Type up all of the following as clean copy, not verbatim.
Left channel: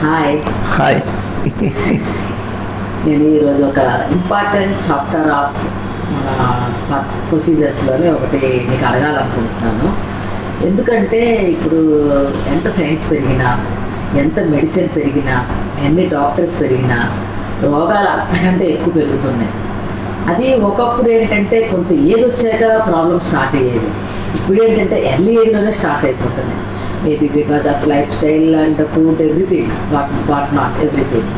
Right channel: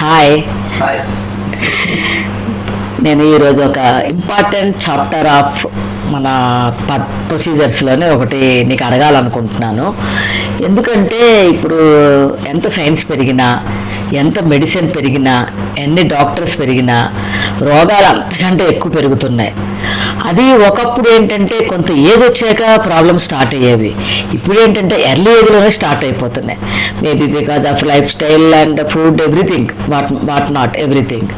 Hi. Hi. నేను ఈరోజు ఒక ఇంపార్టెంట్ చాప్టర్ ఆఫ్ మన ప్రొసీజర్స్లోనే ఒకటి నీకు అడగాలనుకుంటున్నాను. ఎందుకంటే ఇప్పుడు ఎంత సైన్స్ పెరిగినా, ఎంత మెడిసిన్ పెరిగినా, ఎన్ని డాక్టర్స్ పెరిగినా రోగాలు అంతకంటే ఎక్కువ పెరుగుతున్నాయి. అది ఒకప్పుడు ఏంటంటే కొంత ఏజ్ వచ్చాక ప్రాబ్లమ్స్ స్టార్ట్ అయ్యేవి. ఇప్పుడు ఏంటంటే ఎర్లీ ఏజ్లోనే స్టార్ట్ అయిపోతున్నాయి. Maybe because of life style and food, everything, what not everything.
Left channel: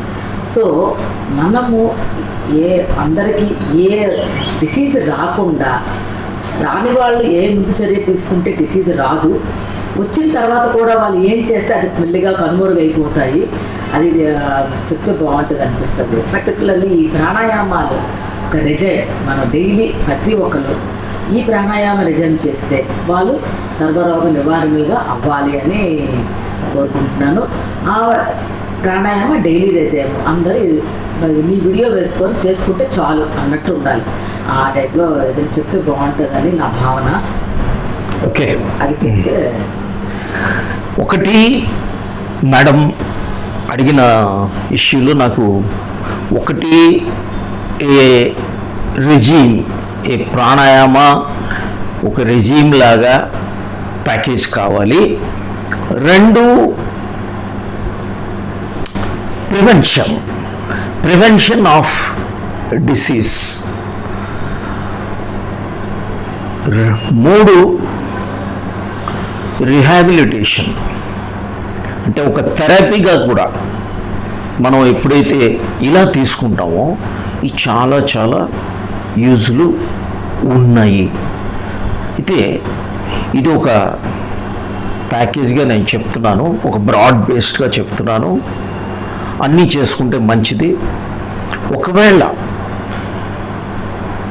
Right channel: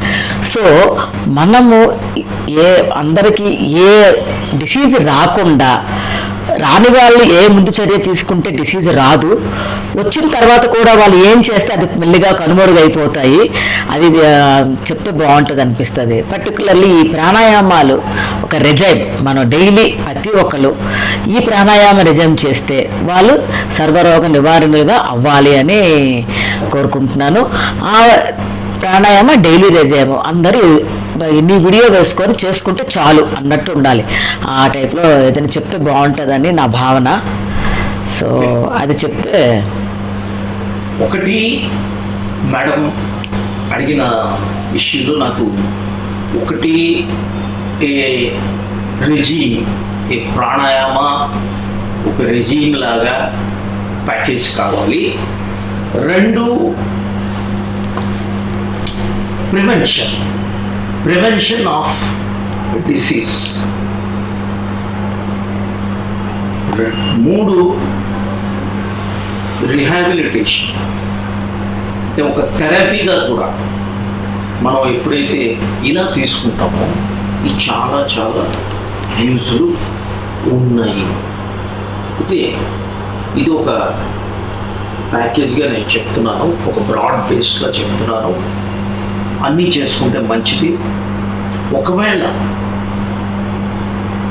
So మనము అందరికీ ఏ డిసీజ్ రాకుండా, రాని వాళ్ళు ఏ ముందు చర్య తీసుకుంటే డిసీజ్ రాదు, వచ్చిన తర్వాత కూడా వాళ్ళు ఏం చేస్తే అది మెల్లిగా కనుమరుగైపోతాయి. అది చెప్తే బాగుంటుంది అనిపిస్తుంది. పర్టికులర్లీ ఈ ప్రాణాయామాలు ఒక రెజైమ్, మనం డైలీ ప్రతి ఒక్కరు ఈ ప్రాణాయామ రెజైమ్ చేస్తే వాళ్ళు సర్వరోగ నివారణగా అవ్వాలి అని కోరుకుంటున్నాను. ఆ ప్రాణాయామ డైలీ రెజైమ్ అందరూ నీ వీడియో వేసుకొని చేసుకుంటే చాలు అన్నట్టు ఉండాలి. ఆ టైప్లో ఏదైనా చెప్తే బాగుంటుందని నా భావన. సో అది చెప్తే. ఒకటి మేడం అడిగిన ఇష్యూలో నాకు ఒకటి ఏ రెజీమ్, ఏ ప్రాణాయామ ఒక రెజీమ్ లాగా ప్యాకేజ్ కావాలి. రెండు ప్రివెన్షన్ ఆఫ్ డిసీజ్. మూడు రిహాబిలిటేషన్, అంటే ఒక థెరపీగా కూడా మనం ఎప్పుడైతే ఇలా తీసుకుంటామో ఇది చాలా చాలా యూజ్లు ఉన్నాయి. అయితే ఇది ఒక ప్యాకేజ్గా నేను చెప్తున్నాను, ఒక బ్రాడ్ బేస్డ్గా చెప్తున్నాను. అన్నీ చేసుకుంటే మంచిది. ఒకవేళ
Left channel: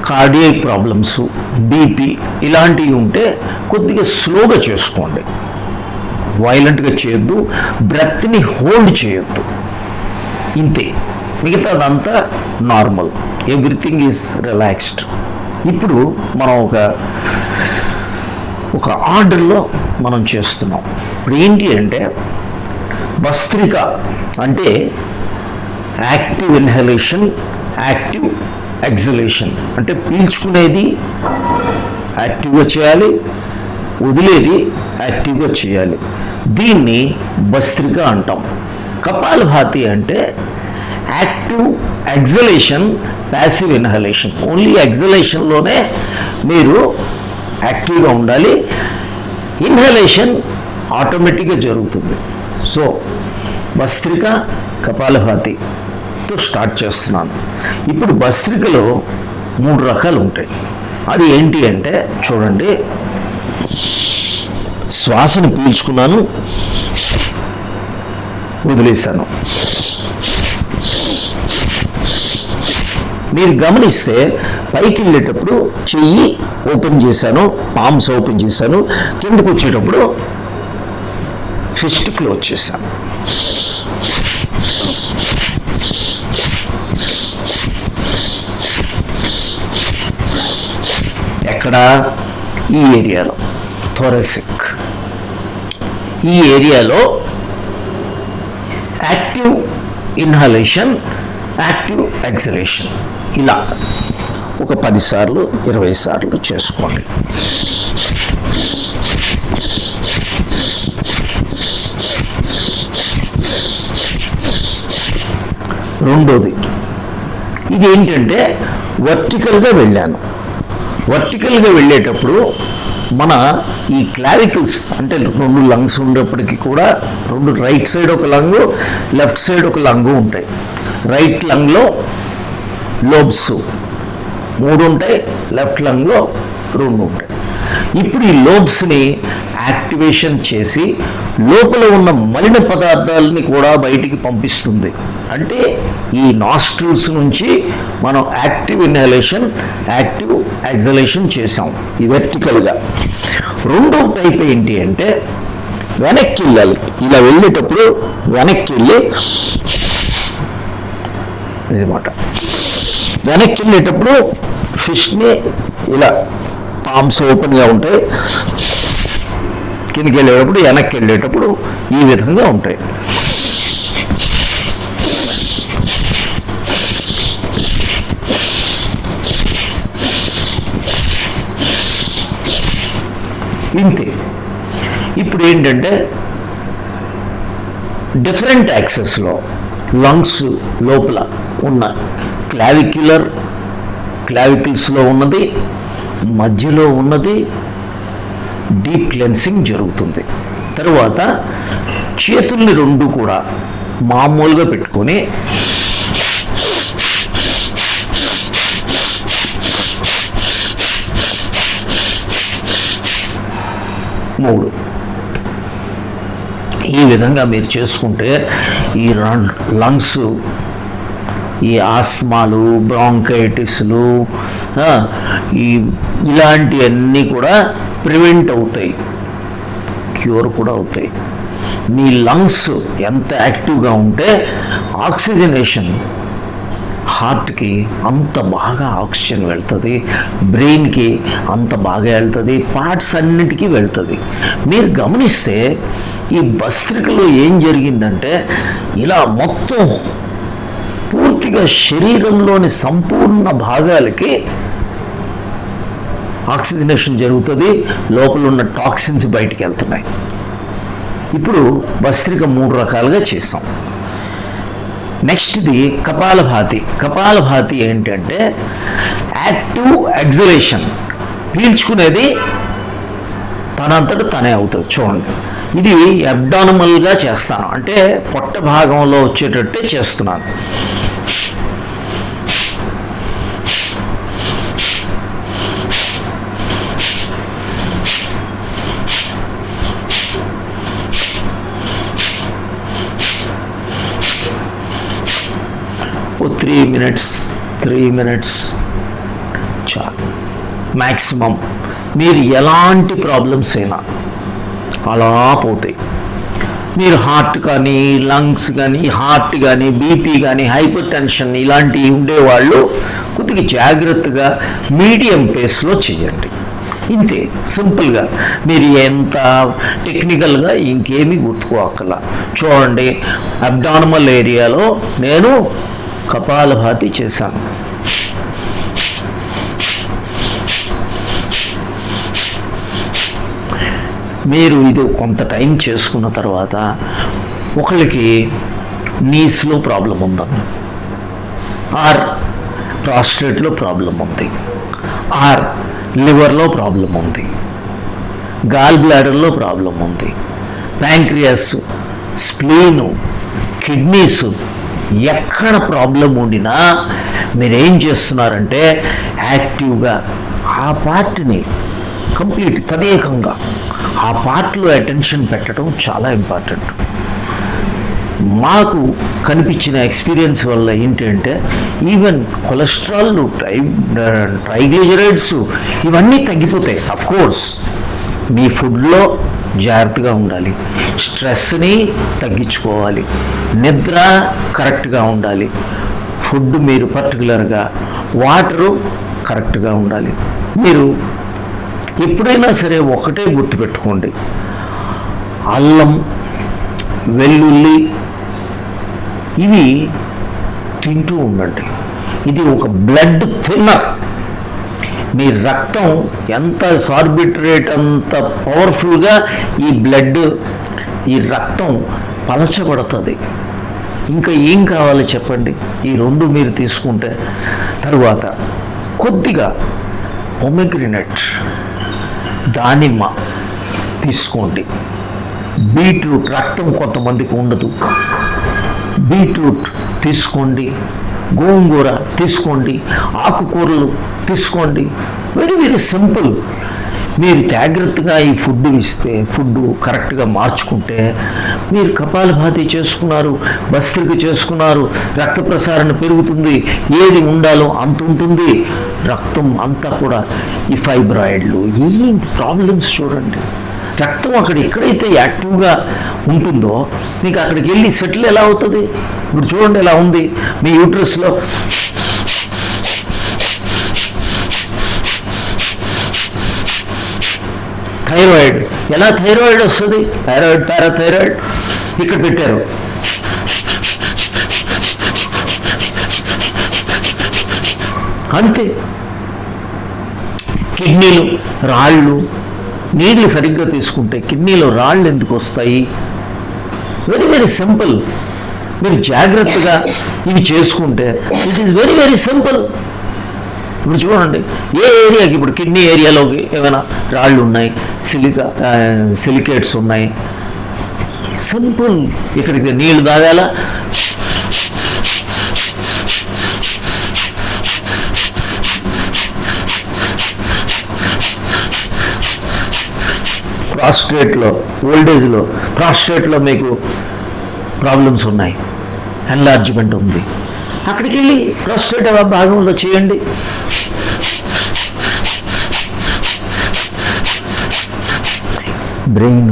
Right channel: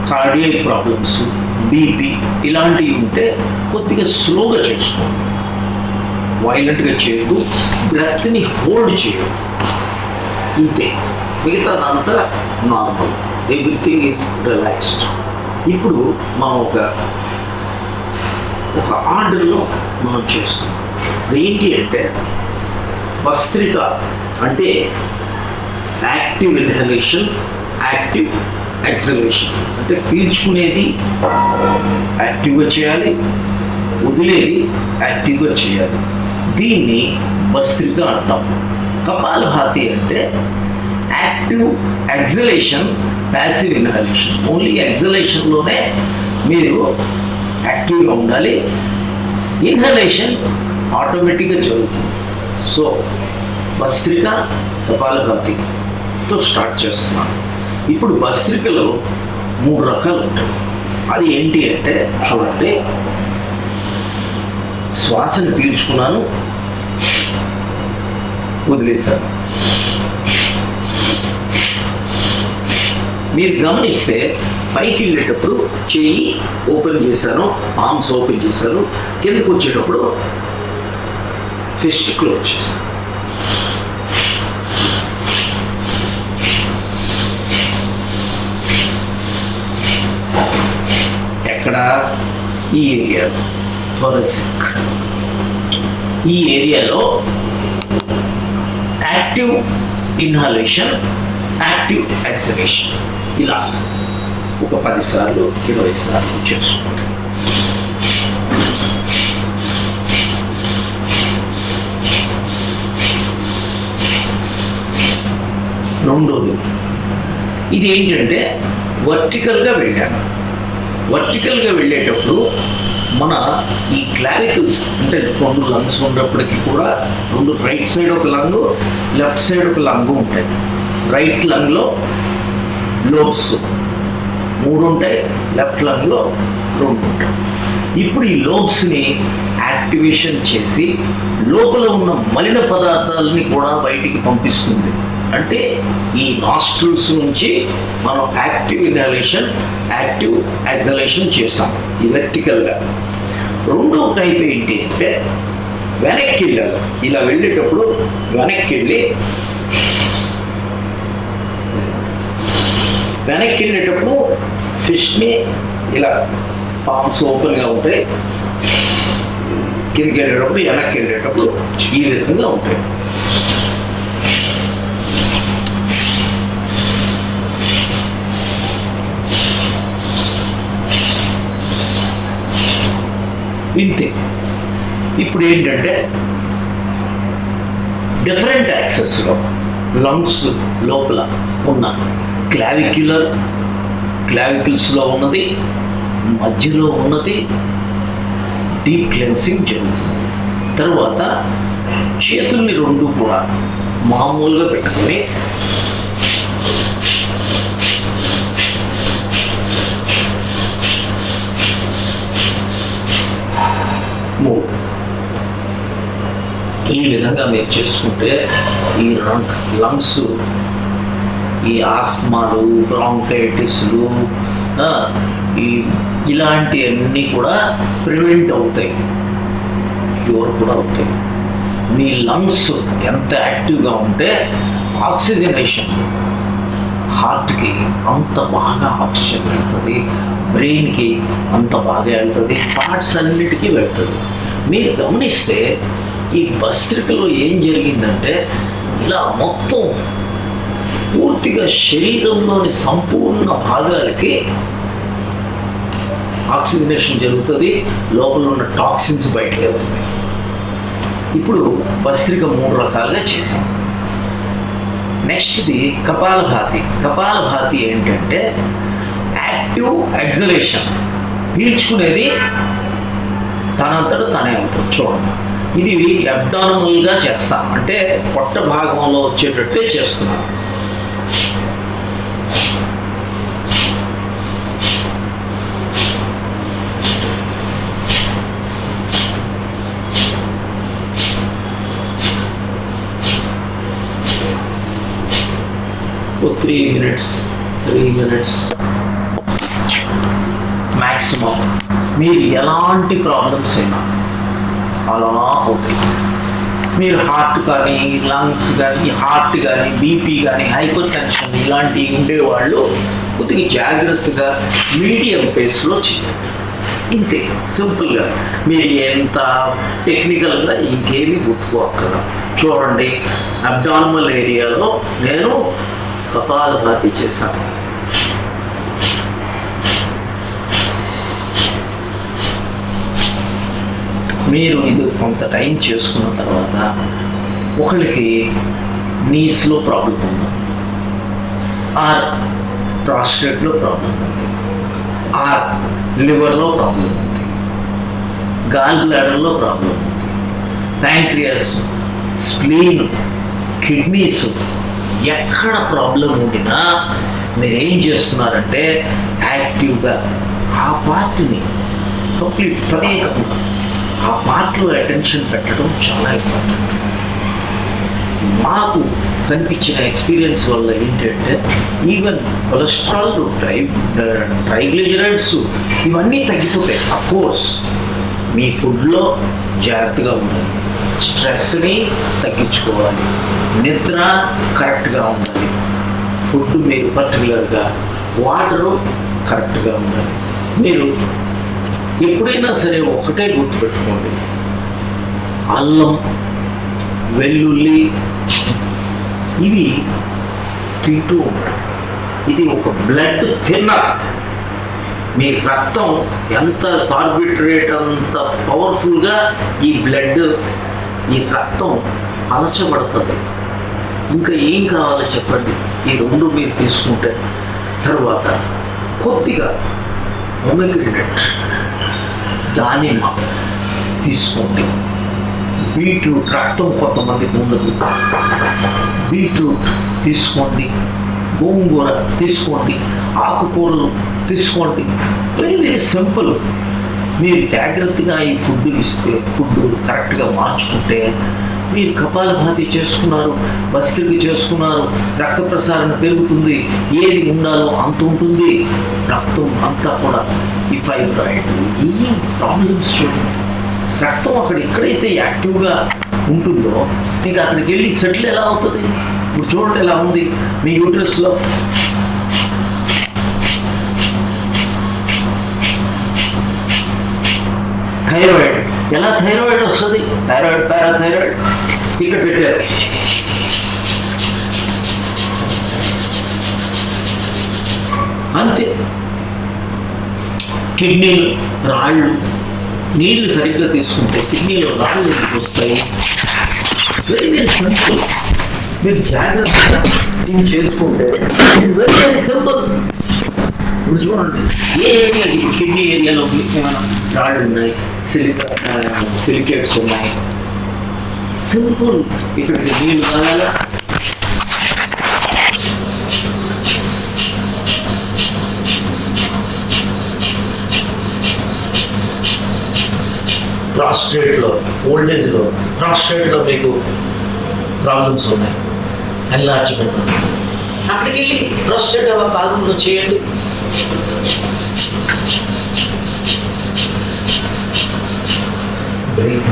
కార్డియాక్ ప్రాబ్లమ్స్, బీపీ ఇలాంటివి ఉంటే కొద్దిగా స్లోగా చేసుకోండి, వైలెంట్గా చేయొద్దు, బ్రెత్ని హోల్డ్ చేయొద్దు. ఇంతే, మిగతాదంతా నార్మల్, ఎవ్రీథింగ్ ఈజ్ రిలాక్స్డ్. ఇప్పుడు మనం ఒక ఆర్డర్లో మనం చేస్తున్నాం. ఇప్పుడు ఏంటి అంటే భస్త్రిక అంటే యాక్టివ్ ఇన్హలేషన్, యాక్టివ్ ఎక్సలేషన్. అంటే పీల్చుకునేది యాక్టివ్గా చేయాలి, వదిలేది యాక్టివ్గా చేయాలి. దీన్ని భస్త్రిక అంటాం. కపాలభాతి అంటే active exhalation, passive inhalation. Only ఎక్సలేషన్లోనే మీరు యాక్టివ్గా ఉండాలి, ఇన్హలేషన్ ఆటోమేటిక్గా జరుగుతుంది. సో భస్త్రిక, కపాలభాతితో స్టార్ట్ చేస్తున్నాను. ఇప్పుడు భస్త్రికలో 3 రకాలు ఉంటాయి. అది ఏంటి అంటే చూడండి, శ్వాసను పీల్చుకున్నాను, వదిలేశాను. మీరు గమనిస్తే పైకి వెళ్ళేటప్పుడు చెయ్యి ఓపెన్ చేశాను, పామ్స్ ఓపెన్ చేశాను, కిందకు వచ్చేటప్పుడు ఫిస్ట్ క్లోజ్ చేశాను. ఎక్కడ? ఈ ఏరియాలో, థొరసిక్ ఈ ఏరియాలో యాక్టివ్ ఇన్హలేషన్, యాక్టివ్ ఎక్సలేషన్ ఇలా ఒక 10 సార్లు 20 సార్లు చేసుకోండి. రెండోది, ఇది ఏంటంటే వర్టికల్గా వెళ్ళాను. వర్టికల్గా వెళ్ళేటప్పుడు మన ఈ క్లావికల్స్, అంటే 2 లంగ్స్ ఉన్నప్పటికీ కూడా 2, రైట్ సైడ్ ఒక లంగు, లెఫ్ట్ సైడ్ ఒక లంగు ఉంటాయి. రైట్ లంగ్లో లోబ్స్ 3 ఉంటాయి, లెఫ్ట్ లంగ్లో 2 ఉంటాయి. ఇప్పుడు ఈ లోబ్స్ని యాక్టివేషన్ చేసి లోపల ఉన్న మలిన పదార్థాలని కూడా బయటికి పంపిస్తుంది. అంటే ఈ నాస్ట్రిల్స్ నుంచి మనం యాక్టివ్ ఇన్హలేషన్, యాక్టివ్ ఎక్సలేషన్ చేసాం ఈ వెర్టికల్గా. రెండో టైప్ ఏంటి అంటే వెనక్కి వెళ్ళాలి. ఇలా వెళ్ళేటప్పుడు వెనక్కి వెళ్ళి అన్నమాట. వెనక్కి వెళ్ళేటప్పుడు ఫిష్ని ఇలా పామ్స్ ఓపెన్గా ఉంటాయి, కిందకి వెళ్ళేటప్పుడు వెనక్కి వెళ్ళేటప్పుడు ఈ విధంగా ఉంటాయి. ఇంతే. ఇప్పుడు ఏంటంటే డిఫరెంట్ యాక్సెస్లో లంగ్స్ లోపల ఉన్న క్లావికిల్స్లో ఉన్నది, మధ్యలో ఉన్నది డీప్ క్లెన్సింగ్ జరుగుతుంది. తర్వాత చేతుల్ని రెండు కూడా మామూలుగా పెట్టుకొని మూడు ఈ విధంగా మీరు చేసుకుంటే ఈ లంగ్స్, ఈ ఆస్మాలు, బ్రాంకైటిస్లు ఇలాంటివన్నీ కూడా ప్రివెంట్ అవుతాయి, క్యూర్ కూడా అవుతాయి. మీ లంగ్స్ ఎంత యాక్టివ్గా ఉంటే ఆక్సిజనేషన్ హార్ట్కి అంత బాగా ఆక్సిజన్ వెళ్తుంది, బ్రెయిన్కి అంత బాగా వెళ్తుంది, పార్ట్స్ అన్నిటికీ వెళ్తుంది. మీరు గమనిస్తే ఈ భస్త్రికలో ఏం జరిగిందంటే ఇలా మొత్తం పూర్తిగా శరీరంలోని సంపూర్ణ భాగాలకి ఆక్సిజనేషన్ జరుగుతుంది, లోపల ఉన్న టాక్సిన్స్ బయటికి వెళ్తున్నాయి. ఇప్పుడు భస్త్రిక 3 రకాలుగా చేసాం. నెక్స్ట్ది కపాలభాతి ఏంటంటే యాక్టివ్ ఎగ్జలేషన్, పీల్చుకునేది తనంతట తనే అవుతుంది. చూడండి, ఇది అబ్డామినల్గా చేస్తాను, అంటే పొట్ట భాగంలో వచ్చేటట్టే చేస్తున్నాను. ఓ 3 మినిట్స్ మ్యాక్సిమం. మీరు ఎలాంటి ప్రాబ్లమ్స్ అయినా అలా పోతాయి. మీరు హార్ట్ కానీ, లంగ్స్ కానీ, హార్ట్ కానీ, బీపీ కానీ, హైపర్ టెన్షన్ ఇలాంటివి ఉండేవాళ్ళు కొద్దిగా జాగ్రత్తగా మీడియం పేస్లో చేయండి. ఇంతే, సింపుల్గా. మీరు ఎంత టెక్నికల్గా ఇంకేమీ గుర్తుకోక్కల. చూడండి, అబ్డామినల్ ఏరియాలో నేను కపాలభాతి చేశాను. మీరు ఇది కొంత టైం చేసుకున్న తర్వాత ఒకరికి నీస్లో ప్రాబ్లం ఉందని, ఆర్ ప్రాస్టేట్లో ప్రాబ్లం ఉంది, ఆర్ లివర్లో ప్రాబ్లం ఉంది, గాల్ బ్లాడర్లో ప్రాబ్లం ఉంది, ప్యాంక్రియాస్, స్ప్లీను, కిడ్నీస్, ఎక్కడ ప్రాబ్లం ఉండినా మీరేం చేస్తున్నారంటే యాక్టివ్గా ఆ పార్ట్ని కంప్లీట్ తదేకంగా ఆ పార్ట్లో అటెన్షన్ పెట్టడం చాలా ఇంపార్టెంట్. మాకు కనిపించిన ఎక్స్పీరియన్స్ వల్ల ఏంటంటే ఈవెన్ కొలెస్ట్రాల్, ట్రైగ్లిజరైడ్స్ ఇవన్నీ తగ్గిపోతాయి. అఫ్కోర్స్ మీ ఫుడ్లో జాగ్రత్తగా ఉండాలి, స్ట్రెస్ని తగ్గించుకోవాలి, నిద్ర కరెక్ట్గా ఉండాలి, ఫుడ్ మీరు పర్టికులర్గా వాటరు కరెక్ట్గా ఉండాలి. మీరు ఎప్పుడైనా సరే ఒకటే గుర్తుపెట్టుకోండి, అల్లం, వెల్లుల్లి ఇవి తింటూ ఉండండి. ఇది ఒక బ్లడ్ థిన్నర్. మీ రక్తం ఎంత సార్బిట్రేట్ అంత పవర్ఫుల్గా ఈ రక్తం పలచబడుతుంది. ఇంకా ఏం కావాలో చెప్పండి, ఈ 2 మీరు తీసుకుంటే. తరువాత కొద్దిగా పొమగ్రెనేట్, దానిమ్మ తీసుకోండి. బీట్రూట్, రక్తం కొంతమందికి ఉండదు, బీట్రూట్ తీసుకోండి, గోంగూర తీసుకోండి, ఆకుకూరలు తీసుకోండి. Very very simple. మీరు జాగ్రత్తగా ఈ ఫుడ్ ఇస్తే, ఫుడ్ కరెక్ట్గా మార్చుకుంటే, మీరు కపాలభాతి చేసుకున్నారు, భస్త్రిక చేసుకున్నారు, రక్త ప్రసారణ పెరుగుతుంది, ఏది ఉండాలో అంత ఉంటుంది, రక్తం అంతా కూడా ఈ ఫైబ్రాయిడ్లు ఈ ప్రాబ్లమ్స్ చూడండి. రక్తం ఎక్కడైతే యాక్టివ్గా ఉంటుందో మీకు అక్కడికి వెళ్ళి సెటిల్ ఎలా అవుతుంది? ఇప్పుడు చూడండి ఎలా ఉంది మీ యూట్రస్లో. థైరాయిడ్, ఎలా థైరాయిడ్ వస్తుంది? థైరాయిడ్, పారాథైరాయిడ్ ఇక్కడ పెట్టారు. అంతే. కిడ్నీలు, రాళ్ళు నీళ్లు సరిగ్గా తీసుకుంటే కిడ్నీలో రాళ్ళు ఎందుకు వస్తాయి? Very very simple. మీరు జాగ్రత్తగా ఇవి చేసుకుంటే ఇట్స్ వెరీ వెరీ సింపుల్. ఇప్పుడు చూడండి, ఏ ఏరియాకి, ఇప్పుడు కిడ్నీ ఏరియాలో ఏమైనా రాళ్ళు ఉన్నాయి, సిలికేట్స్ ఉన్నాయి, సింపుల్. ఇక్కడికి నీళ్లు తాగాల, ప్రాస్టేట్లో మీకు ప్రాబ్లమ్స్ ఉన్నాయి, ఎన్లార్జ్మెంట్ ఉంది, అక్కడికి వెళ్ళి ప్రాస్టేట్ భాగంలో చేయండి. బ్రెయిన్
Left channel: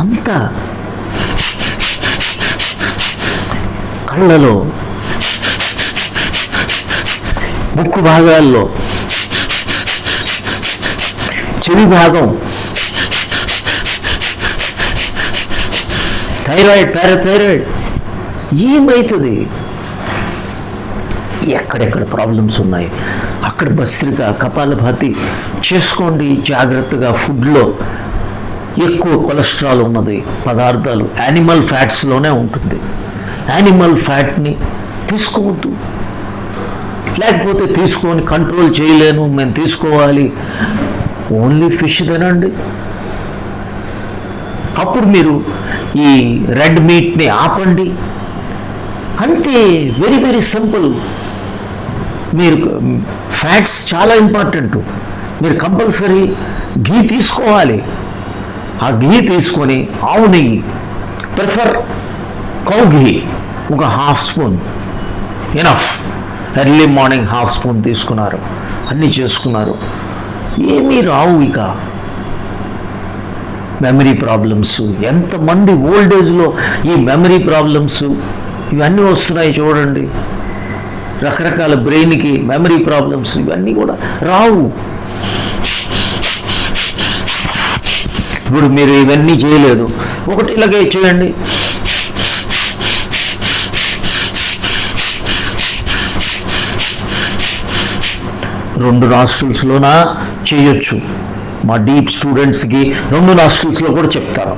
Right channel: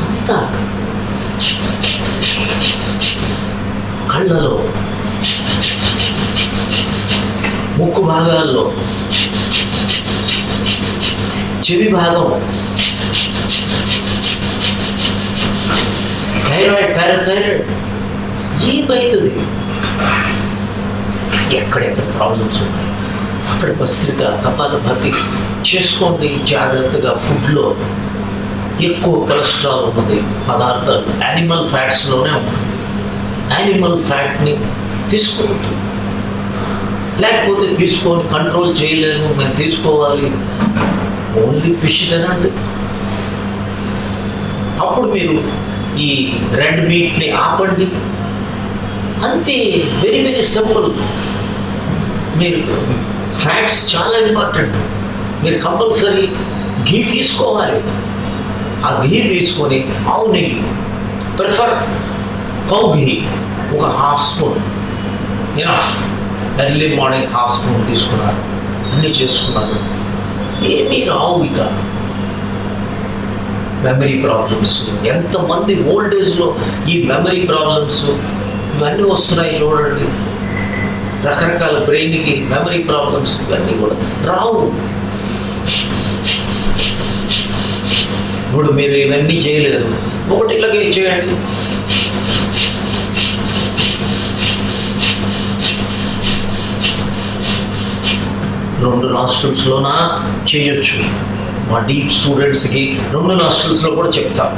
అంతా, కళ్ళలో, ముక్కు భాగాల్లో, చెవి భాగం, థైరాయిడ్, పారాథైరాయిడ్, ఏమవుతుంది? ఎక్కడెక్కడ ప్రాబ్లమ్స్ ఉన్నాయి అక్కడ భస్త్రిక, కపాలభాతి చేసుకోండి జాగ్రత్తగా. ఫుడ్లో ఎక్కువ కొలెస్ట్రాల్ ఉన్నది పదార్థాలు యానిమల్ ఫ్యాట్స్లోనే ఉంటుంది. యానిమల్ ఫ్యాట్ని తీసుకోవద్దు, లేకపోతే తీసుకొని కంట్రోల్ చేయలేను, మేము తీసుకోవాలి, ఓన్లీ ఫిష్ తినండి. అప్పుడు మీరు ఈ రెడ్ మీట్ని ఆపండి, అంతే. Very very simple. మీరు ఫ్యాట్స్ చాలా ఇంపార్టెంట్. మీరు కంపల్సరీ ఘీ తీసుకోవాలి. ఆ ఘీ తీసుకొని, ఆవు నెయ్యి, ప్రిఫర్ కౌ ఘీ, ఒక half spoon enough. Early morning half spoon తీసుకున్నారు, అన్నీ చేసుకున్నారు, ఏమీ రావు. ఇక మెమరీ ప్రాబ్లమ్స్, ఎంతమంది ఓల్డ్ ఏజ్లో ఈ మెమరీ ప్రాబ్లమ్స్ ఇవన్నీ వస్తున్నాయి చూడండి. రకరకాల బ్రెయిన్కి మెమరీ ప్రాబ్లమ్స్ ఇవన్నీ కూడా రావు. ఇప్పుడు మీరు ఇవన్నీ చేయలేదు, ఒకటి ఇలాగే చేయండి. రెండు నాస్ట్రిల్స్లోనా చేయొచ్చు. మా డీప్ స్టూడెంట్స్కి రెండు నాస్ట్రిల్స్లో కూడా చెప్తాను.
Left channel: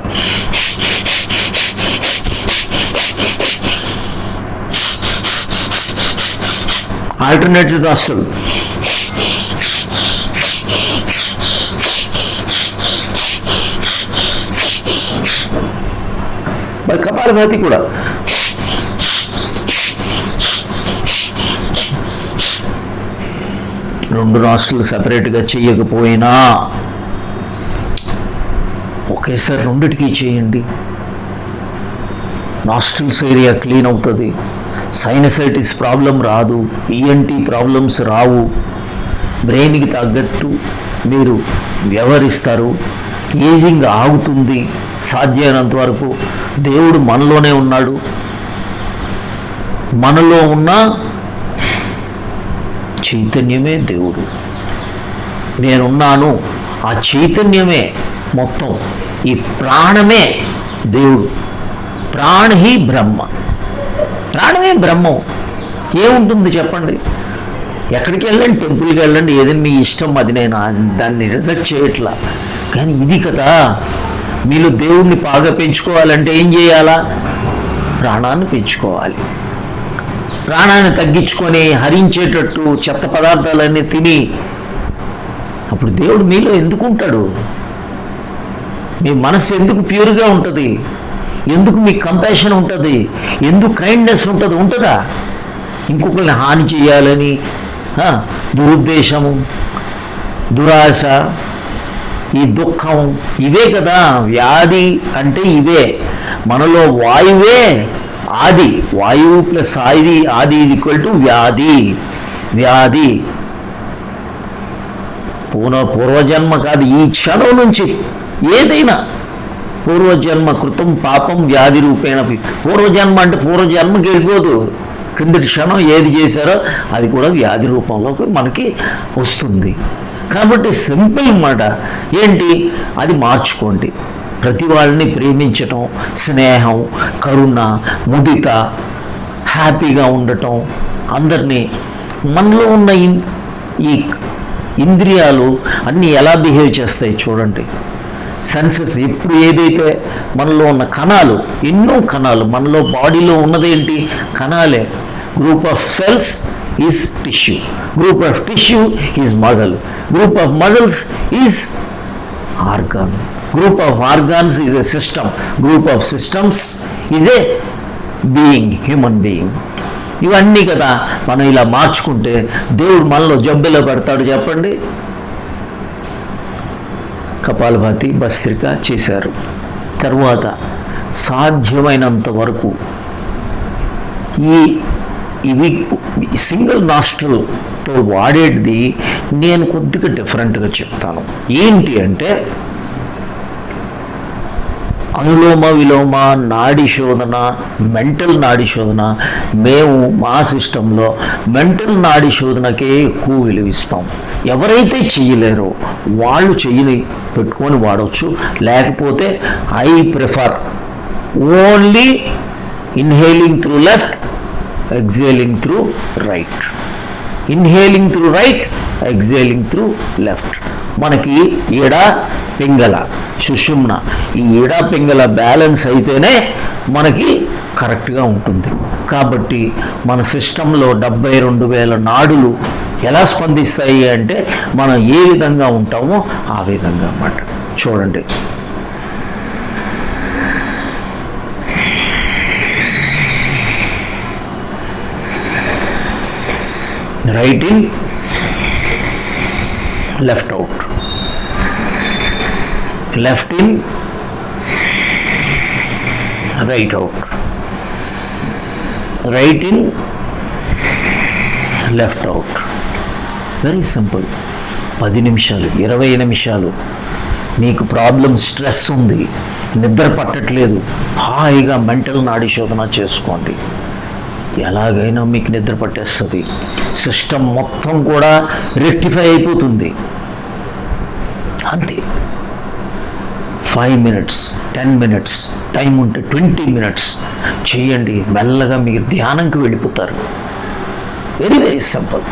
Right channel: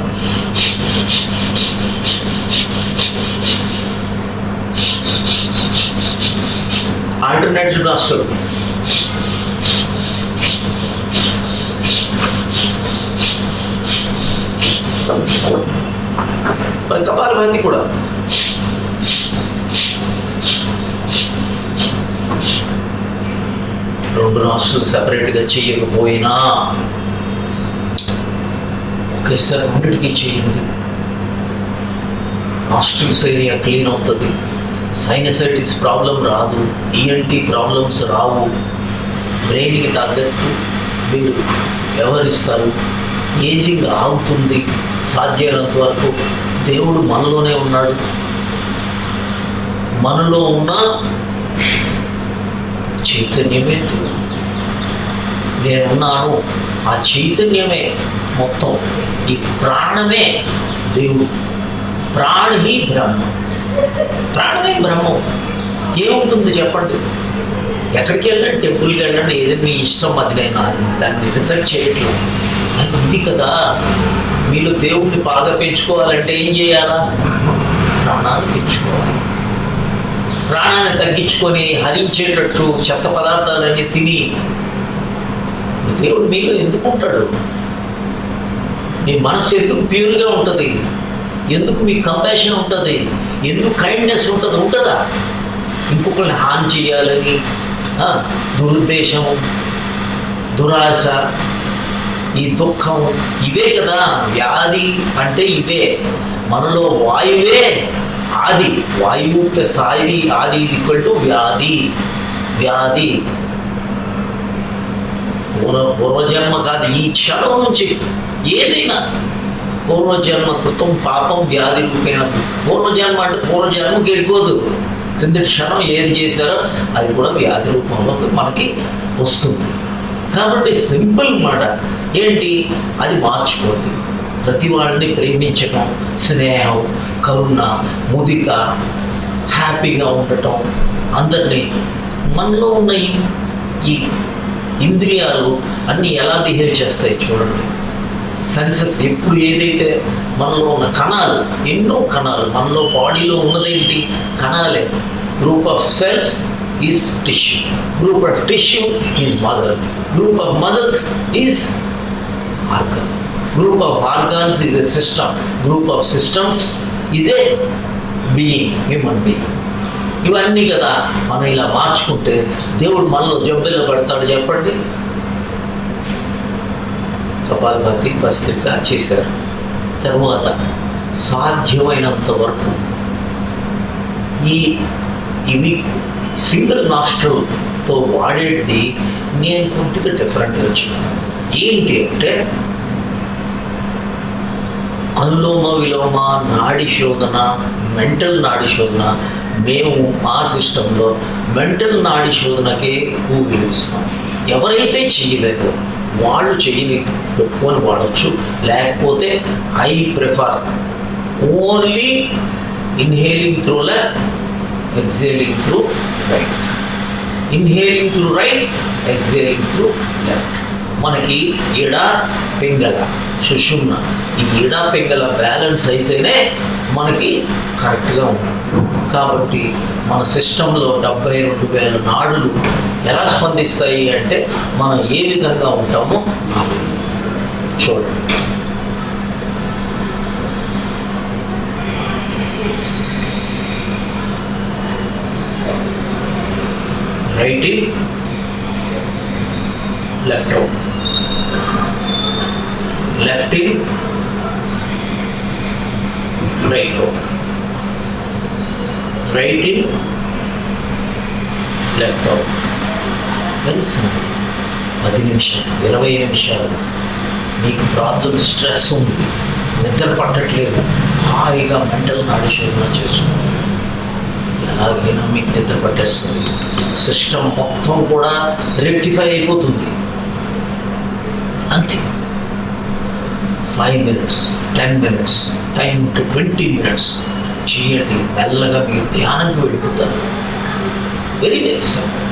ఆల్టర్నేటివ్ నాస్ట్రిల్, మరి కపాలభాతి కూడా. రెండు నాస్ట్రిల్ సెపరేట్గా చేయకపోయినా ఒకేసారి రెండిటికి చేయండి. నాస్ట్రిల్స్ ఏరియా క్లీన్ అవుతుంది, సైనసైటిస్ ప్రాబ్లం రాదు, ఈఎన్టీ ప్రాబ్లమ్స్ రావు. బ్రెయిన్కి తగ్గట్టు మీరు వ్యవహరిస్తారు, ఏజింగ్ ఆగుతుంది. సాధ్యమైనంత వరకు దేవుడు మనలోనే ఉన్నాడు, మనలో ఉన్న చైతన్యమే దేవుడు. నేనున్నాను, ఆ చైతన్యమే మొత్తం, ఈ ప్రాణమే దేవుడు. ప్రాణి బ్రహ్మ, ప్రాణమే బ్రహ్మం. ఏముంటుంది చెప్పండి? ఎక్కడికి వెళ్ళండి, టెంపుల్కి వెళ్ళండి, ఏదైనా మీ ఇష్టం, అది నేను దాన్ని రిజెక్ట్ చేయట్లా. కానీ ఇది కదా, మీరు దేవుణ్ణి బాగా పెంచుకోవాలంటే ఏం చేయాలా? ప్రాణాన్ని పెంచుకోవాలి. ప్రాణాన్ని తగ్గించుకొని హరించేటట్టు చెత్త పదార్థాలన్నీ తిని అప్పుడు దేవుడు మీలో ఎందుకు ఉంటాడు? మీ మనసు ఎందుకు ప్యూర్గా ఉంటుంది? ఎందుకు మీకు కంపాషన్ ఉంటుంది? ఎందుకు కైండ్నెస్ ఉంటుంది? ఉంటుందా? ఇంకొకరిని హాని చేయాలని దురుద్దేశము, దురాశ, ఈ దుఃఖం, ఇవే కదా వ్యాధి అంటే. ఇవే మనలో వాయువే ఆది, వాయువు ప్లస్ ఆది ఈక్వల్ టు వ్యాధి. వ్యాధి పూర్వజన్మ కాదు, ఈ క్షణం నుంచి ఏదైనా పూర్వజన్మ కృతం పాపం వ్యాధి రూపేణ. పూర్వజన్మ అంటే పూర్వజన్మకి వెళ్ళిపోదు, కిందటి క్షణం ఏది చేశారో అది కూడా వ్యాధి రూపంలో మనకి వస్తుంది. కాబట్టి సింపుల్ మాట ఏంటి, అది మార్చుకోండి. ప్రతి వాళ్ళని ప్రేమించటం, స్నేహం, కరుణ, ముదిత, హ్యాపీగా ఉండటం, అందరినీ మనలో ఉన్న ఇంద్రియాలు అన్నీ ఎలా బిహేవ్ చేస్తాయి చూడండి. సెన్సెస్ ఇప్పుడు ఏదైతే మనలో ఉన్న కణాలు, ఎన్నో కణాలు మనలో బాడీలో ఉన్నదేంటి? కణాలే. Group of cells is tissue, group of tissue is muscle, group of muscles is organ, group of organs is a system, group of systems is a being, human being. ఇవన్నీ కదా మనం ఇలా మార్చుకుంటే దేవుడు మనలో జబ్బులో పడతాడు చెప్పండి. కపాలభాతి భస్త్రిక చేశారు. తరువాత సాధ్యమైనంత వరకు ఇవి సింగిల్ నాస్ట్రల్తో వాడేది నేను కొద్దిగా డిఫరెంట్గా చెప్తాను. ఏంటి అంటే అనులోమ విలోమ నాడి శోధన, మెంటల్ నాడి శోధన. మేము మా సిస్టంలో మెంటల్ నాడి శోధనకే ఎక్కువ విలువిస్తాం. ఎవరైతే చేయలేరో వాళ్ళు చెయ్యిని పెట్టుకొని వాడవచ్చు. లేకపోతే I prefer only inhaling through left, exhaling through right, inhaling through right, exhaling through left. మనకి ఈడ పింగళ సుషుమ్న, ఈ ఈడ పింగళ బ్యాలెన్స్ అయితేనే మనకి కరెక్ట్గా ఉంటుంది. కాబట్టి మన సిస్టంలో 72,000 నాడులు ఎలా స్పందిస్తాయి అంటే మనం ఏ విధంగా ఉంటామో ఆ విధంగా అన్నమాట. చూడండి, right in, left out, left in, right out, right in, left out. Very simple. 10 నిమిషాలు, 20 నిమిషాలు. మీకు ప్రాబ్లం స్ట్రెస్ ఉంది, నిద్ర పట్టట్లేదు, హాయిగా మెంటల్ నాడీ శోధన చేసుకోండి. ఎలాగైనా మీకు నిద్ర పట్టేస్తుంది. సిస్టమ్ మొత్తం కూడా రెక్టిఫై అయిపోతుంది. అంతే. 5 మినిట్స్, 10 మినిట్స్, టైం ఉంటే 20 మినిట్స్ చేయండి. మెల్లగా మీరు ధ్యానంకి వెళ్ళిపోతారు. Very very simple.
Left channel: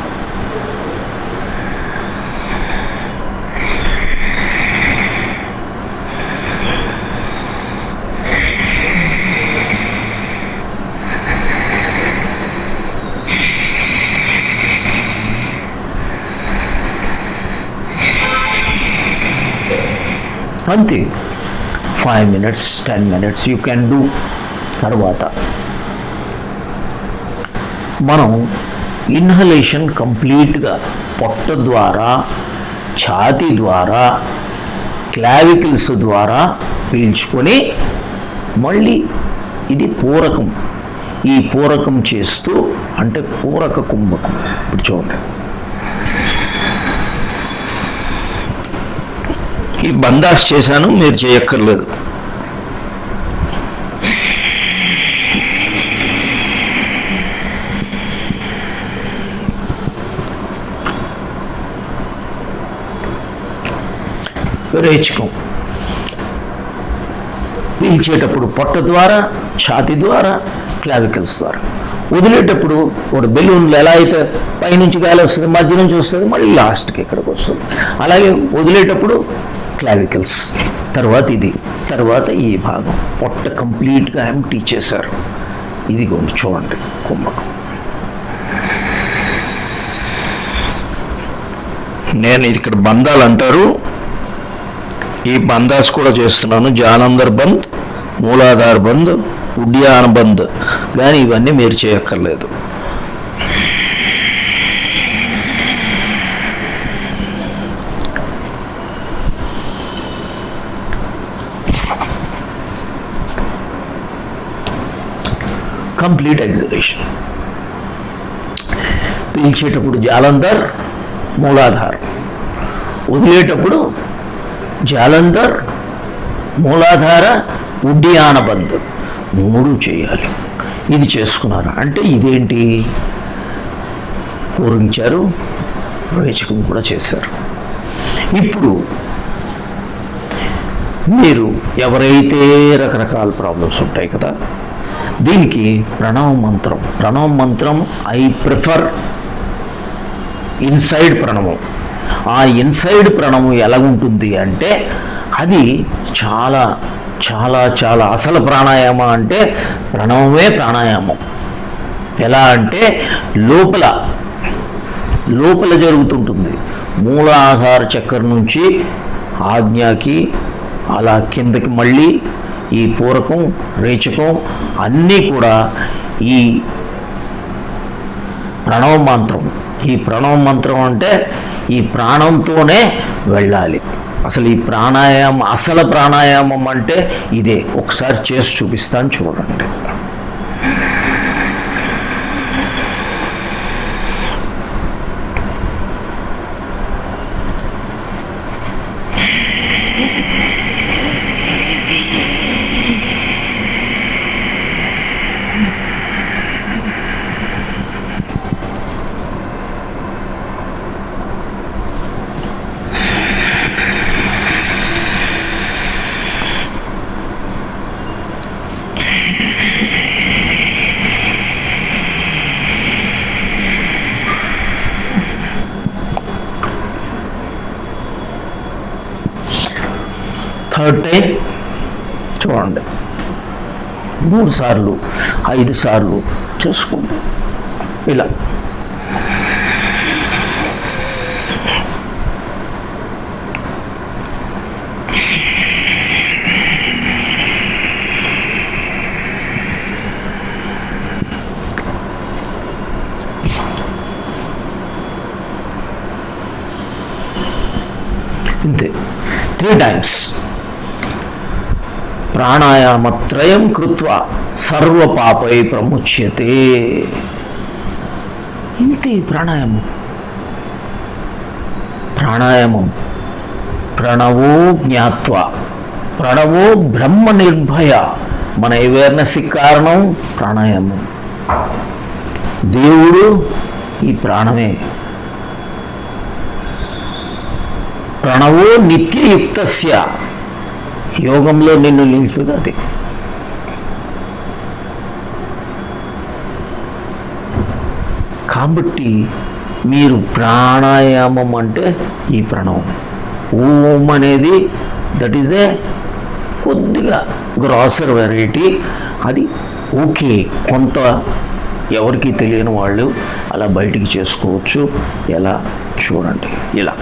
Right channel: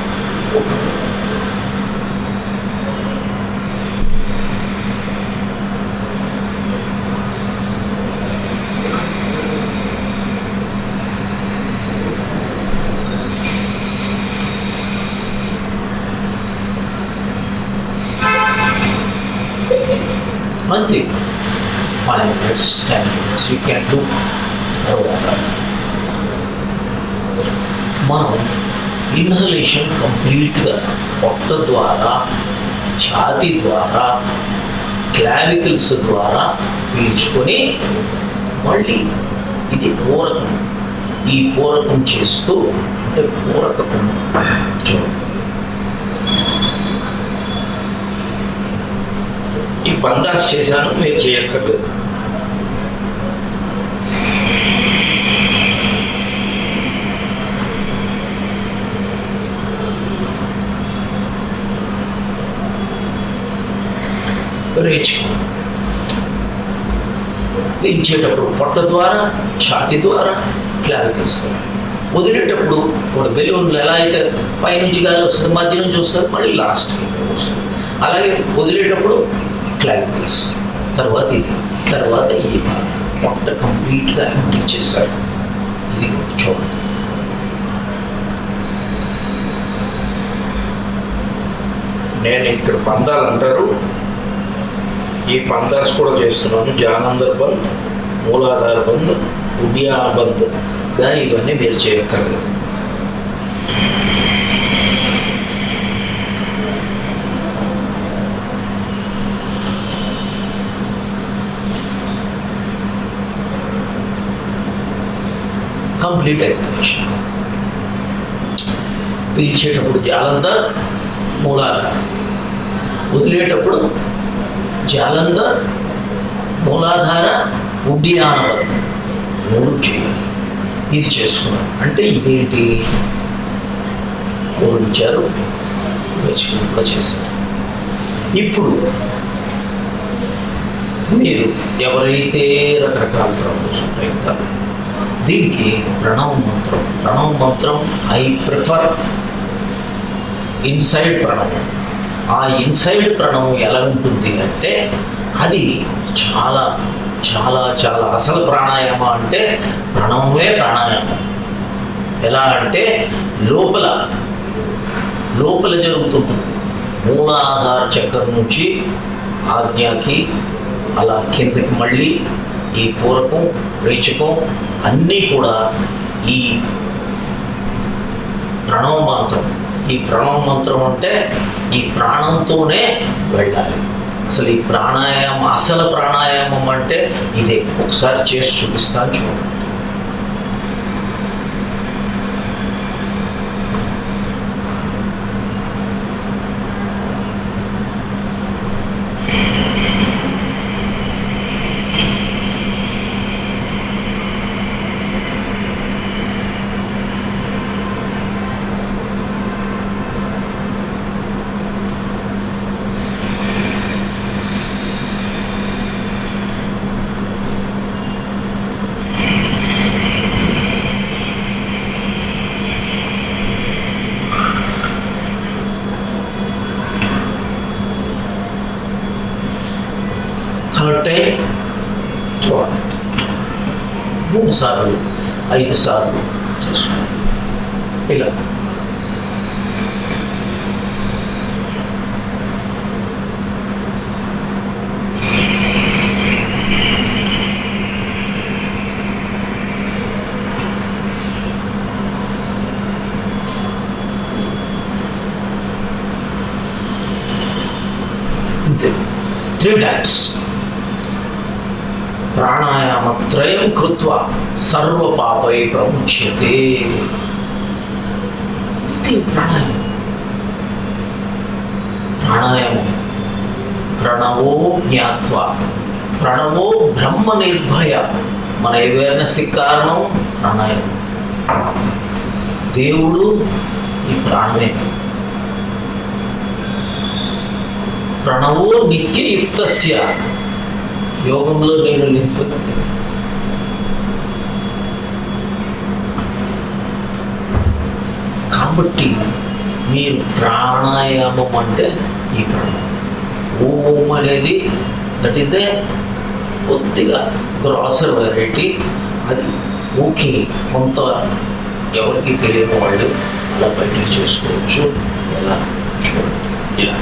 అంతే. 5 minutes, 10 minutes you can do. తర్వాత మనం ఇన్హలేషన్ కంప్లీట్గా పొట్ట ద్వారా, ఛాతీ ద్వారా, క్లావికల్స్ ద్వారా పీల్చుకొని మళ్ళీ ఇది పూరకం. ఈ పూరకం చేస్తూ అంటే పూరక కుంభకం. ఇప్పుడు చూడండి, ఈ బందాస్ చేశాను, మీరు చేయక్కర్లేదు. రేచుకం పీల్చేటప్పుడు పొట్ట ద్వారా, ఛాతీ ద్వారా, క్లావికల్స్ ద్వారా. వదిలేటప్పుడు ఒక బెలూన్లు ఎలా అయితే పైనుంచి గాలి వస్తుంది, మధ్య నుంచి వస్తుంది, మళ్ళీ లాస్ట్కి ఇక్కడికి వస్తుంది. అలాగే వదిలేటప్పుడు క్లావికల్స్, తర్వాత ఇది, తర్వాత ఈ భాగం. పొట్ట కంప్లీట్గా ఎంటీ చేశాడు. ఇది చూడండి కుంభకం. నేను ఇక్కడ బంధాలు అంటారు, ఈ బందాస్ కూడా చేస్తున్నాను. జానందర్ బంద్, మూలాధార్ బంద్, ఉద్యాన బంద్. కానీ ఇవన్నీ మీరు చేయక్కర్లేదు. Complete exhibition. పీల్చేటప్పుడు జాలంధర్, మూలాధార్. వదిలేటప్పుడు జాలంధర్, మూలాధార, ఉడ్డియాన బంద్. 3 చేయాలి. ఇది చేసుకున్నాను అంటే ఇదేంటి? పూరించారు, రేచుకుని కూడా చేశారు. ఇప్పుడు మీరు ఎవరైతే రకరకాల ప్రాబ్లమ్స్ ఉంటాయి కదా, దీనికి ప్రణవ మంత్రం. ప్రణవ మంత్రం ఐ ప్రిఫర్ ఇన్సైడ్ ప్రణవం. ఆ ఇన్సైడ్ ప్రణవం ఎలా ఉంటుంది అంటే అది చాలా చాలా చాలా అసలు ప్రాణాయామం అంటే ప్రణవమే ప్రాణాయామం. ఎలా అంటే లోపల లోపల జరుగుతుంటుంది. మూలాధార చక్రం నుంచి ఆజ్ఞకి అలా కిందకి మళ్ళీ ఈ పూరకం రేచకం అన్నీ కూడా ఈ ప్రణవ మంత్రం. ఈ ప్రణవ మంత్రం అంటే ఈ ప్రాణంతోనే వెళ్ళాలి. అసలు ఈ ప్రాణాయామం అసలు ప్రాణాయామం అంటే ఇదే. ఒకసారి చేసి చూపిస్తాను చూడండి. థర్డ్ టైం చూడండి. 3 సార్లు 5 సార్లు చూసుకోండి. ఇలా అంతే 3 times. ప్రాణాయామత్రయం కృత్వా సర్వ పాపై ప్రముచ్యతే. ఇంతే ప్రాణాయామం. ప్రాణాయామం ప్రణవో జ్ఞాత్వా, ప్రణవో బ్రహ్మ నిర్భయ. మన అవేర్నెస్కి కారణం ప్రాణాయామం. దేవుడు ఈ ప్రాణమే. ప్రణవో నిత్యయుక్తస్య, యోగంలో నిన్ను నిలిపినది. కాబట్టి మీరు ప్రాణాయామం అంటే ఈ ప్రణవం. ఓం అనేది దట్ ఈజ్ ఏ కొద్దిగా గ్రాసర్ వెరైటీ. అది ఓకే, కొంత ఎవరికి తెలియని వాళ్ళు అలా బయటికి చేసుకోవచ్చు. ఎలా చూడండి. ఇలా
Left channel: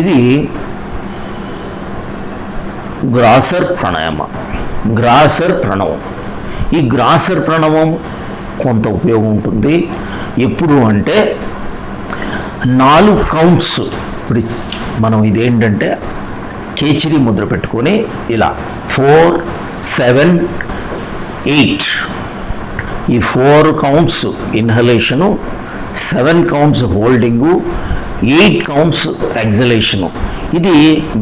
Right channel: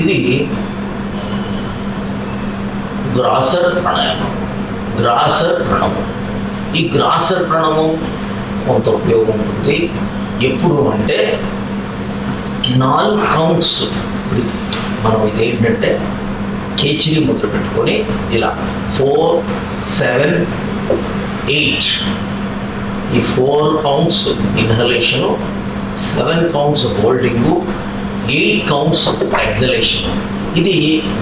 ఇది గ్రాసర్ ప్రాణాయామం, గ్రాసర్ ప్రణవం. ఈ గ్రాసర్ ప్రణవం కొంత ఉపయోగం ఉంటుంది. ఎప్పుడు అంటే 4 కౌంట్స్. ఇప్పుడు మనం ఇదేంటంటే కేచిరి ముద్ర పెట్టుకొని ఇలా 4, 7, 8 ఈ 4 కౌంట్స్ ఇన్హలేషను, 7 కౌంట్స్ హోల్డింగు, 8 కౌంట్స్ ఎగ్జలేషను. ఇది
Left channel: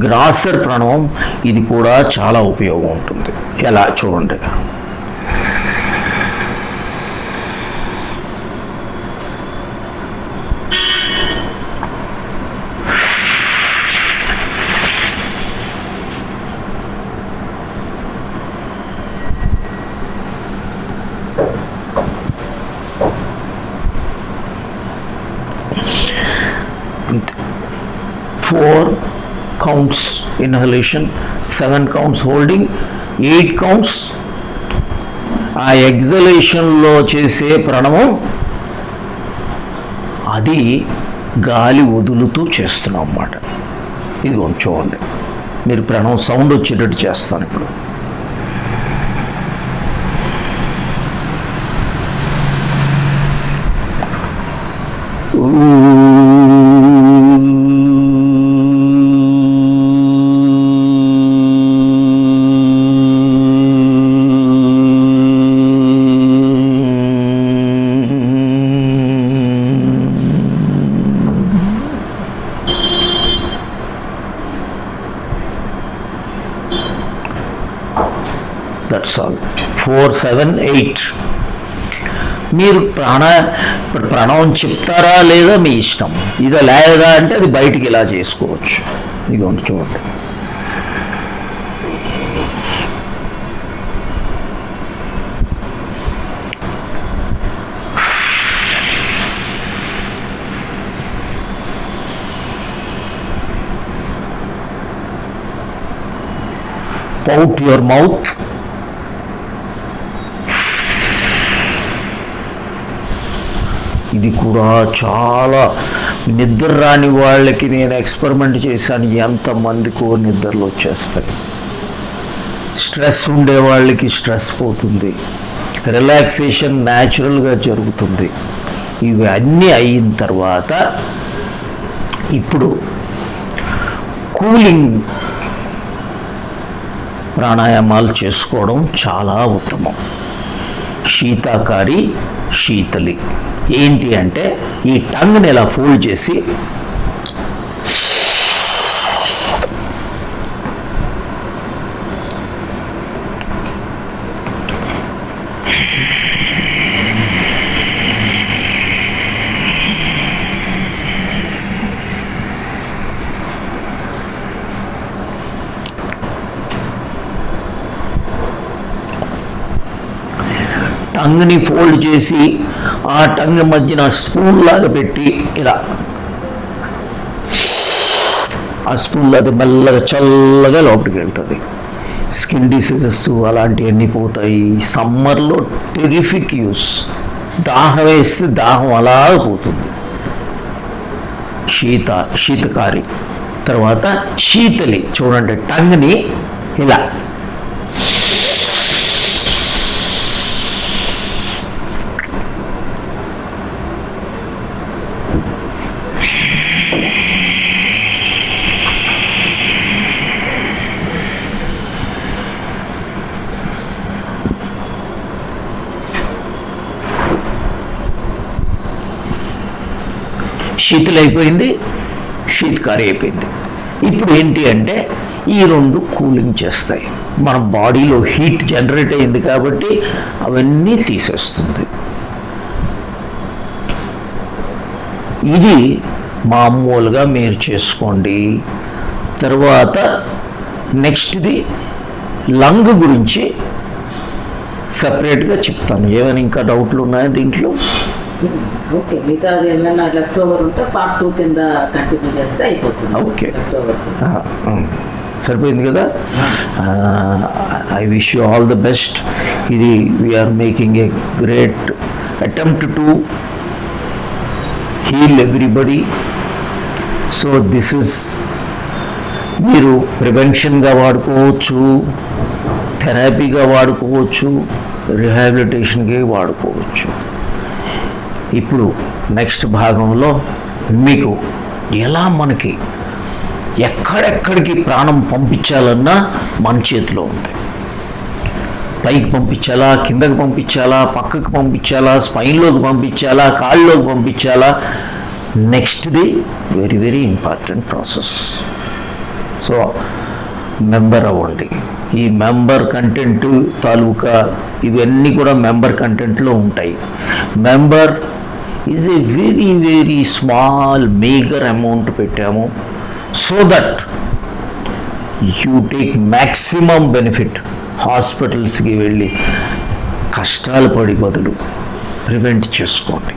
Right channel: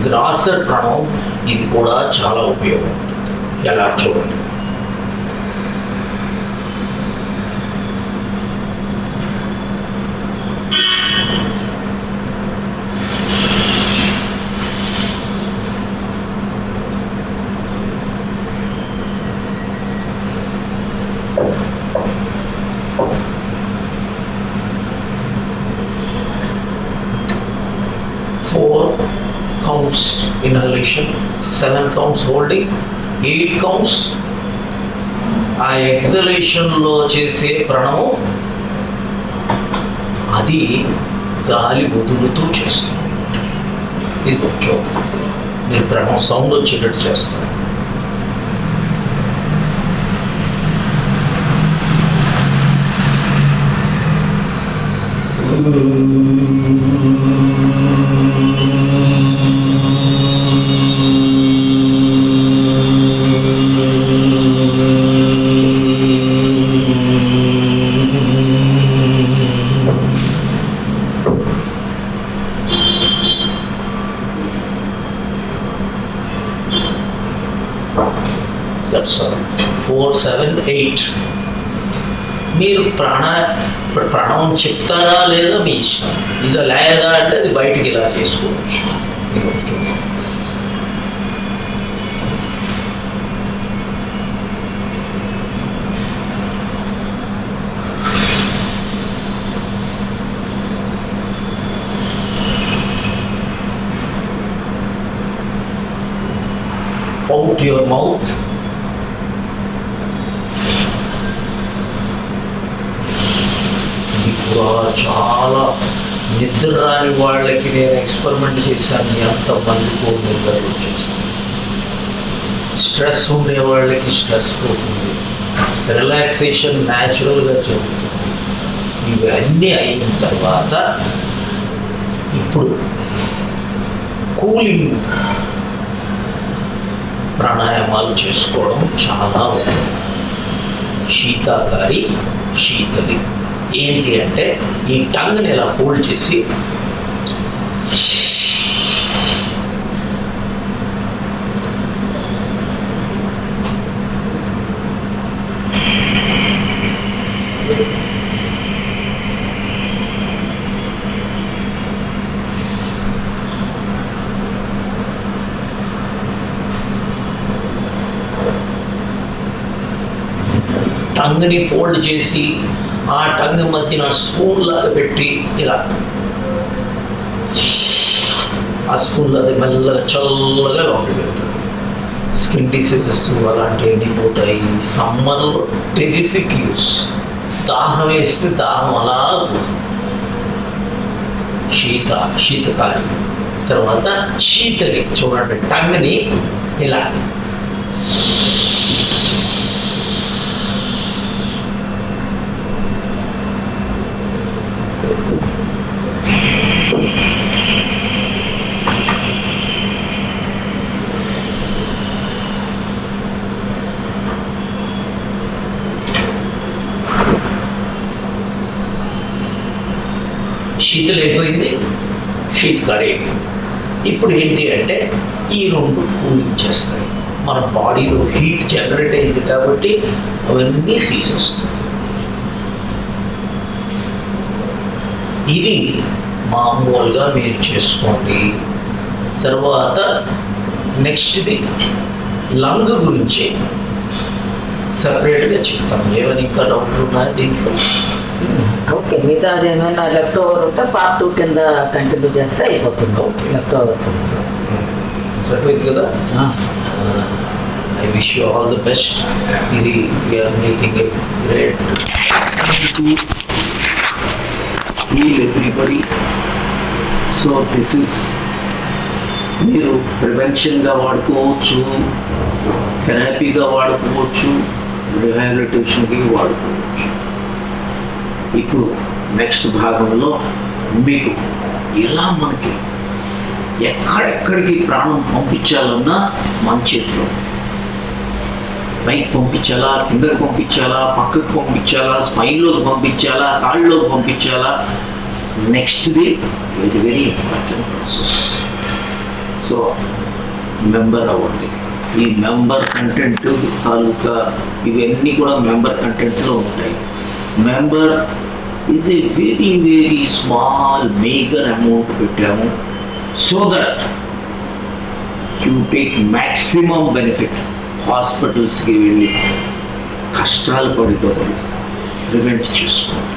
గ్రాసర్ ప్రణవం. ఇది కూడా చాలా ఉపయోగం ఉంటుంది. ఎలా చూడండి. Four counts inhalation, 7 counts holding, 8 counts ఆ ఎగ్జలేషన్లో చేసే ప్రణవం. అది గాలి వదులుతూ చేస్తున్నాం అన్నమాట. ఇది చూడండి. మీరు ప్రణవం సౌండ్ వచ్చేటట్టు చేస్తాను ఇప్పుడు. That's all. 4, 7, 8. మీరు ప్రణవం చెప్తారా లేదా మీ ఇష్టం. ఇది లేదా అంటే అది బయటికి ఇలా చేసుకోవచ్చు. మీరు ఒకటి చూడండి. Out your mouth. ఇది కూడా చాలా నిద్ర రాని వాళ్ళకి నేను ఎక్స్పెరిమెంట్ చేశాను. ఎంతమందికో నిద్రలు వచ్చేస్తాయి. స్ట్రెస్ ఉండే వాళ్ళకి స్ట్రెస్ పోతుంది, రిలాక్సేషన్ న్యాచురల్గా జరుగుతుంది. ఇవి అన్నీ అయిన తర్వాత ఇప్పుడు కూలింగ్ ప్రాణాయామాలు చేసుకోవడం చాలా ఉత్తమం. శీతాకారి, శీతలి ఏంటి అంటే ఈ టంగ్ని ఇలా ఫోల్డ్ చేసి టంగ్ని ఫోల్డ్ చేసి ఆ టంగ్ మధ్యన స్పూన్ లాగా పెట్టి ఇలా ఆ స్పూన్లో అది మెల్లగా చల్లగా లోపలికి వెళ్తుంది. స్కిన్ డిసీజెస్ అలాంటివన్నీ పోతాయి. సమ్మర్లో టెరిఫిక్ యూస్. దాహం వేస్తే దాహం అలా పోతుంది. శీతకారి. తర్వాత శీతలి చూడండి, టంగ్ని ఇలా శీతలు అయిపోయింది, శీతకారి అయిపోయింది. ఇప్పుడు ఏంటి అంటే ఈ రెండు కూలింగ్ చేస్తాయి. మన బాడీలో హీట్ జనరేట్ అయింది కాబట్టి అవన్నీ తీసేస్తుంది. ఇది మామూలుగా మీరు చేసుకోండి. తర్వాత నెక్స్ట్ది లంగ్ గురించి సపరేట్గా చెప్తాను. ఏమైనా ఇంకా డౌట్లు ఉన్నాయా దీంట్లో? ఓకే, మిగతా ఏమైనా లెఫ్ట్ ఓవర్ ఉంటే పార్ట్ 2 కింద కంటిన్యూ చేస్తే అయిపోతుంది. ఓకే, లెఫ్ట్ ఓవర్ సరిపోయింది కదా. I wish you all the best. ఇది we're making a great attempt to heal everybody. So this is మీరు ప్రివెన్షన్గా వాడుకోవచ్చు, థెరపీగా వాడుకోవచ్చు, రిహాబిలిటేషన్కి వాడుకోవచ్చు. ఇప్పుడు నెక్స్ట్ భాగంలో మీకు ఎలా మనకి ఎక్కడెక్కడికి ప్రాణం పంపించాలన్నా మన చేతిలో ఉంది. పైకి పంపించాలా, కిందకి పంపించాలా, పక్కకి పంపించాలా, స్పైన్లోకి పంపించాలా, కాళ్ళలోకి పంపించాలా, నెక్స్ట్ది very very important process. So member అవ్వండి. ఈ మెంబర్ కంటెంట్ తాలూకా ఇవన్నీ కూడా మెంబర్ కంటెంట్లో ఉంటాయి. Member is a very very small major amount పెట్టాము so that you take maximum benefit. హాస్పిటల్స్కి వెళ్ళి కష్టాలు పడి బదులు ప్రివెంట్ చేసుకోండి.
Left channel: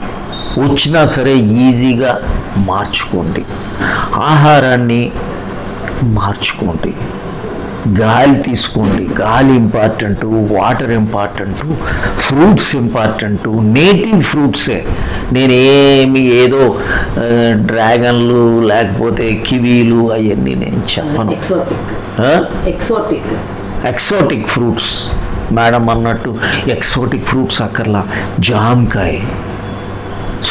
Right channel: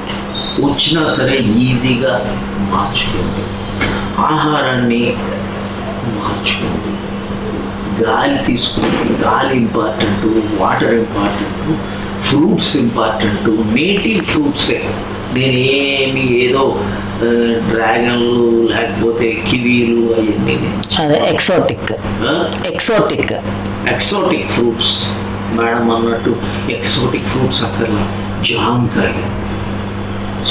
వచ్చినా సరే ఈజీగా మార్చుకోండి. ఆహారాన్ని మార్చుకోండి. గాలి తీసుకోండి. గాలి important, water important, fruits important. Native ఫ్రూట్సే. నేను ఏదో డ్రాగన్లు లేకపోతే కివీలు అవన్నీ నేను ఎక్సోటిక్ ఫ్రూట్స్ మేడం అన్నట్టు ఎక్సోటిక్ ఫ్రూట్స్ అక్కర్లా. జామకాయ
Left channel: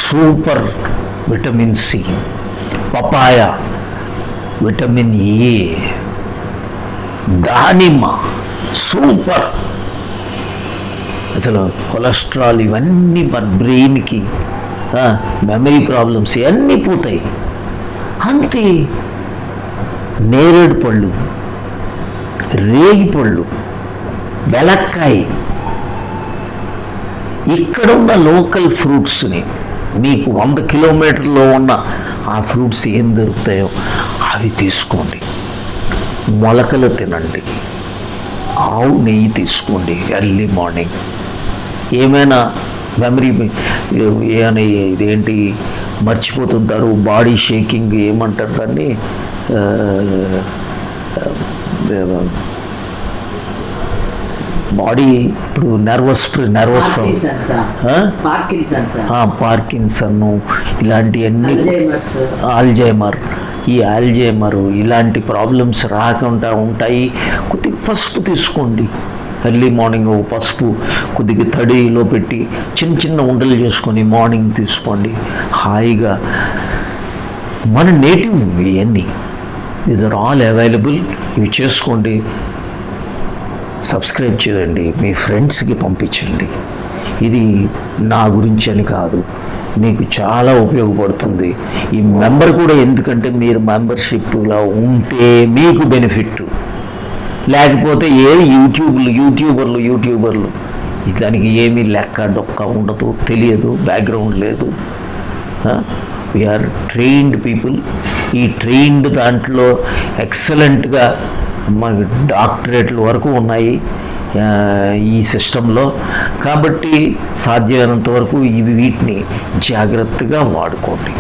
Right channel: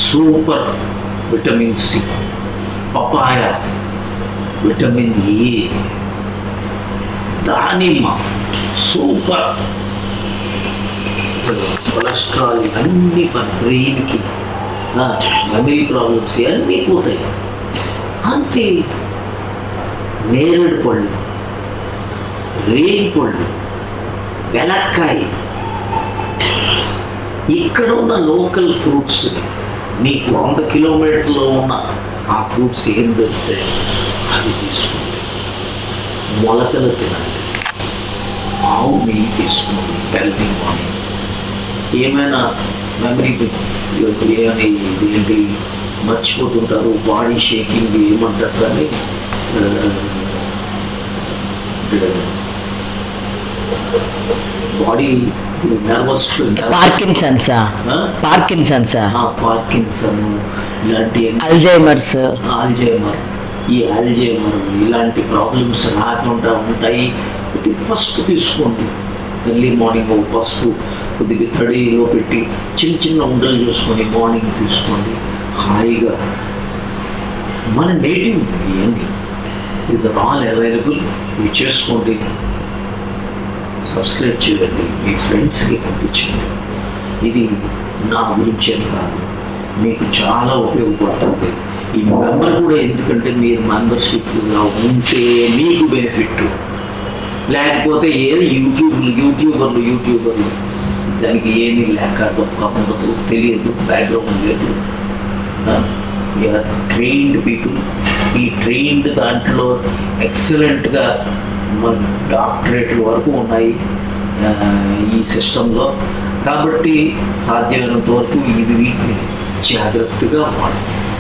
super vitamin C, papaya vitamin A, దానిమ్మ సూపర్. అసలు కొలెస్ట్రాల్ ఇవన్నీ మన బ్రెయిన్కి, మెమరీ ప్రాబ్లమ్స్ ఇవన్నీ పోతాయి. అంతే. నేరేడు పళ్ళు, రేగి పళ్ళు, వెలక్కాయ, ఇక్కడ ఉన్న లోకల్ ఫ్రూట్స్ని మీకు 100 కిలోమీటర్లో ఉన్న ఆ ఫ్రూట్స్ ఏం దొరుకుతాయో అవి తీసుకోండి. మొలకలు తినండి. ఆవు నెయ్యి తీసుకోండి ఎర్లీ మార్నింగ్. ఏమైనా మెమరీ ఏమైనా ఇదేంటి మర్చిపోతుంటారు, బాడీ షేకింగ్ ఏమంటారు అని, బాడీ నర్వస్ పార్కిన్సన్సా పార్కిన్సన్ ఇలాంటివన్నీ, అల్జైమర్ ఈ ఆల్జైమర్ ఇలాంటి ప్రాబ్లమ్స్ రాకుండా ఉంటాయి. కొద్దిగా పసుపు తీసుకోండి ఎర్లీ మార్నింగ్. పసుపు కొద్దిగా తడిలో పెట్టి చిన్న చిన్న ఉండలు చేసుకొని మార్నింగ్ తీసుకోండి హాయిగా. మన నేటివ్ ఇవన్నీ దీస్ ఆర్ ఆల్ అవైలబుల్. ఇవి చేసుకోండి. సబ్స్క్రైబ్ చేయండి, మీ ఫ్రెండ్స్కి పంపించండి. ఇది నా గురించి అని కాదు, మీకు చాలా ఉపయోగపడుతుంది. ఈ మెంబర్ కూడా ఎందుకంటే మీరు మెంబర్షిప్గా ఉంటే మీకు బెనిఫిట్, లేకపోతే యూట్యూబర్లు దానికి ఏమీ లెక్క డొక్క ఉండదు, తెలియదు, బ్యాక్గ్రౌండ్ లేదు. We are trained people. ఈ ట్రైన్డ్ దాంట్లో ఎక్సలెంట్గా మన డాక్టరేట్ల వరకు ఉన్నాయి ఈ సిస్టంలో. కాబట్టి సాధ్యమైనంత వరకు వీటిని జాగ్రత్తగా వాడుకోండి.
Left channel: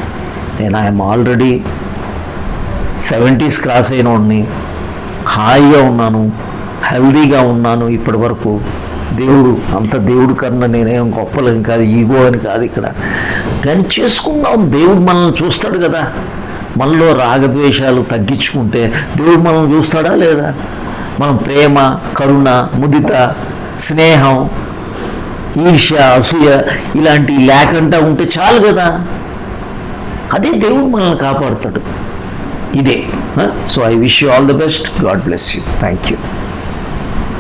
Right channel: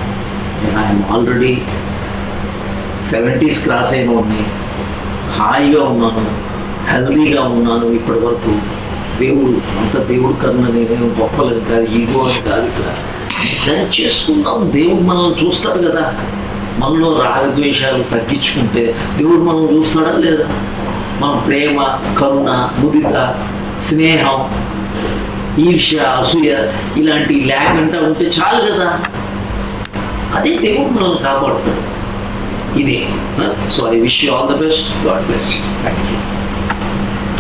నేను ఐఎమ్ ఆల్రెడీ 70s క్రాస్ అయిన వాడిని, హాయిగా ఉన్నాను, హెల్దీగా ఉన్నాను ఇప్పటి వరకు. దేవుడు కన్నా నేనేం గొప్పలని కాదు, ఈగో అని కాదు. ఇక్కడ దాన్ని చేసుకుందాం. దేవుడు మనల్ని చూస్తాడు కదా. మనలో రాగద్వేషాలు తగ్గించుకుంటే దేవుడు మనం చూస్తాడా లేదా? మనం ప్రేమ, కరుణ, ముదిత, స్నేహం, ఈర్ష్య, అసూయ ఇలాంటివి లేకుండా ఉంటే చాలు కదా. అదే దేవుడు మనల్ని కాపాడుతాడు. ఇదే. So I wish you all the best. God bless you. Thank you.